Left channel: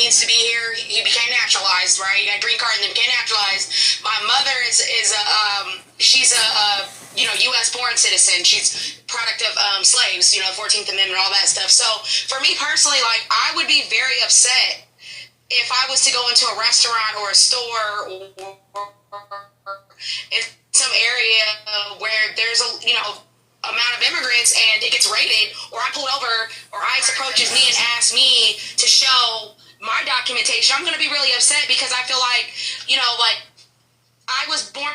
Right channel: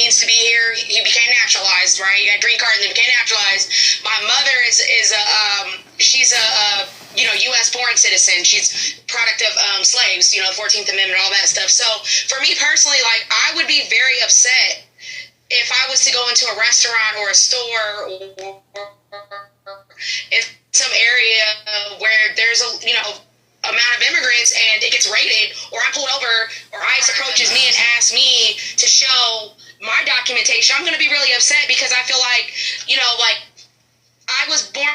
means to be here. He became naturalized, right? He got a green card and then became naturalized. My mother she's a U.S. born citizen. She's product of slaves, 14th Amendment, all that stuff. So for me personally, like, I would be very upset if I was to go into a restaurant or a store or in some area where there's amount of immigrants and it gets raided, or I'm pulled over, or ICE approaches me and asks me to show my documentation. I'm going to be really upset because I feel like, I was born.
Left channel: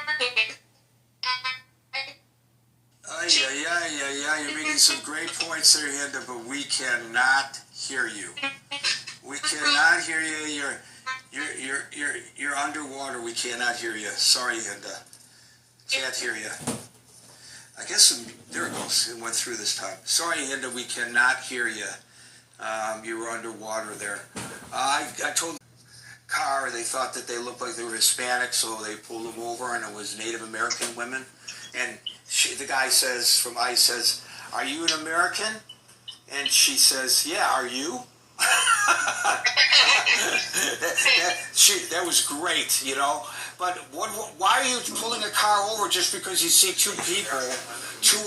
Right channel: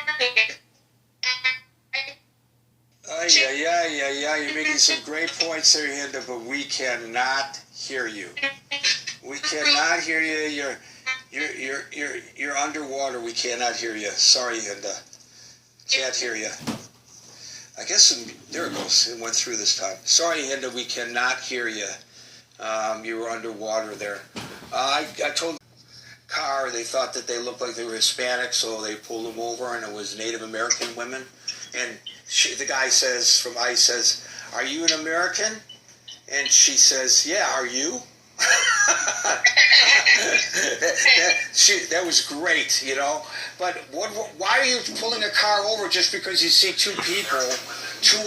Yeah. You're making some great points there, Hinda, but we cannot hear you. We cannot hear you. You're underwater. We cannot hear you. Sorry, Hinda. Can't hear you. I guess there it goes. It went through this time. Sorry, Hinda, we cannot hear you. You were underwater there. I told the car, they thought that they looked like they were Hispanic, so they pulled them over, and it was Native American women. And the guy says, from ICE says, "Are you an American?" And she says, "Yeah, are you?" that was great, But why are you pulling a car over just because you see two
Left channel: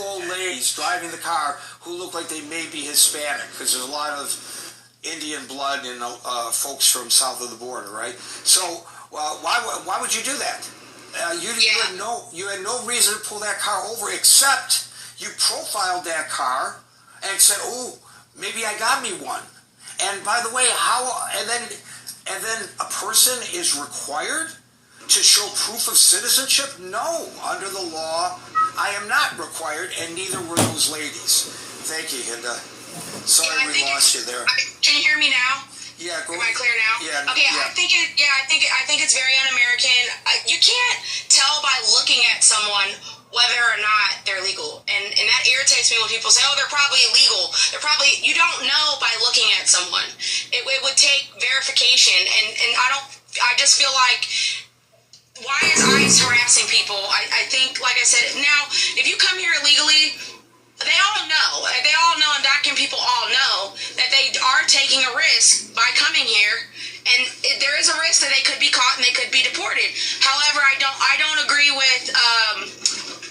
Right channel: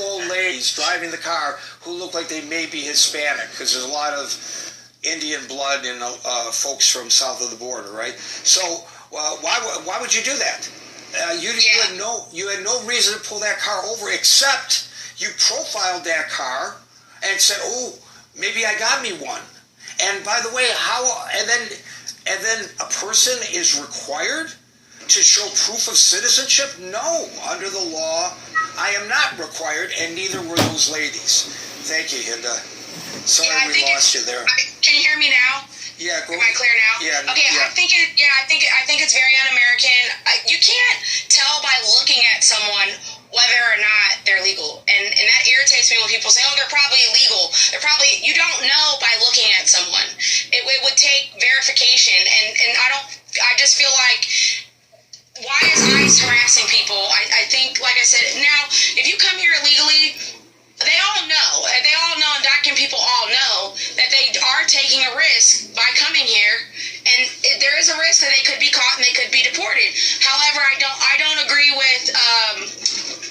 old ladies driving the car who look like they may be Hispanic? Because there's a lot of Indian blood in folks from south of the border, right? So why would you do that? You had no reason to pull that car over, except you profiled that car and said, "Oh, maybe I got me one." And by the way, and then a person is required to show proof of citizenship? No, under the law, I am not required, and neither were those ladies. Thank you, Hinda. Sorry we lost you there. Can you hear me now? Yeah, Am I clear now? Yeah. Okay, yeah. I think it's very un-American. You can't tell by looking at someone whether or not they're legal, and that irritates me when people say, "Oh, they're probably illegal." You don't know by looking at someone. It would take verification, and I just feel like, why is ICE harassing people? I think, like I said, now, if you come here illegally, they all know, and document people all know that they are taking a risk by coming here, and there is a risk that they could be caught and they could be deported. However, I don't agree with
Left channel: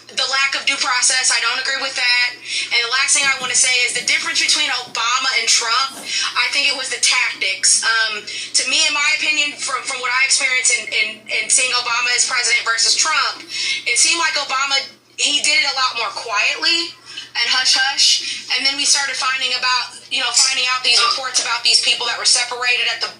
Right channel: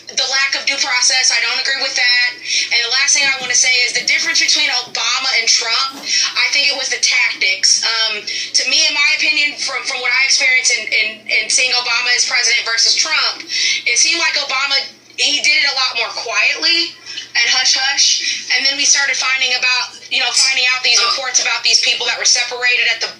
the lack of due process. I don't agree with that. And the last thing I want to say is the difference between Obama and Trump, I think it was the tactics. To me, in my opinion, from what I experienced in seeing Obama as president versus Trump, it seemed like Obama, he did it a lot more quietly and hush-hush. And then we started finding out these reports about these people that were separated at the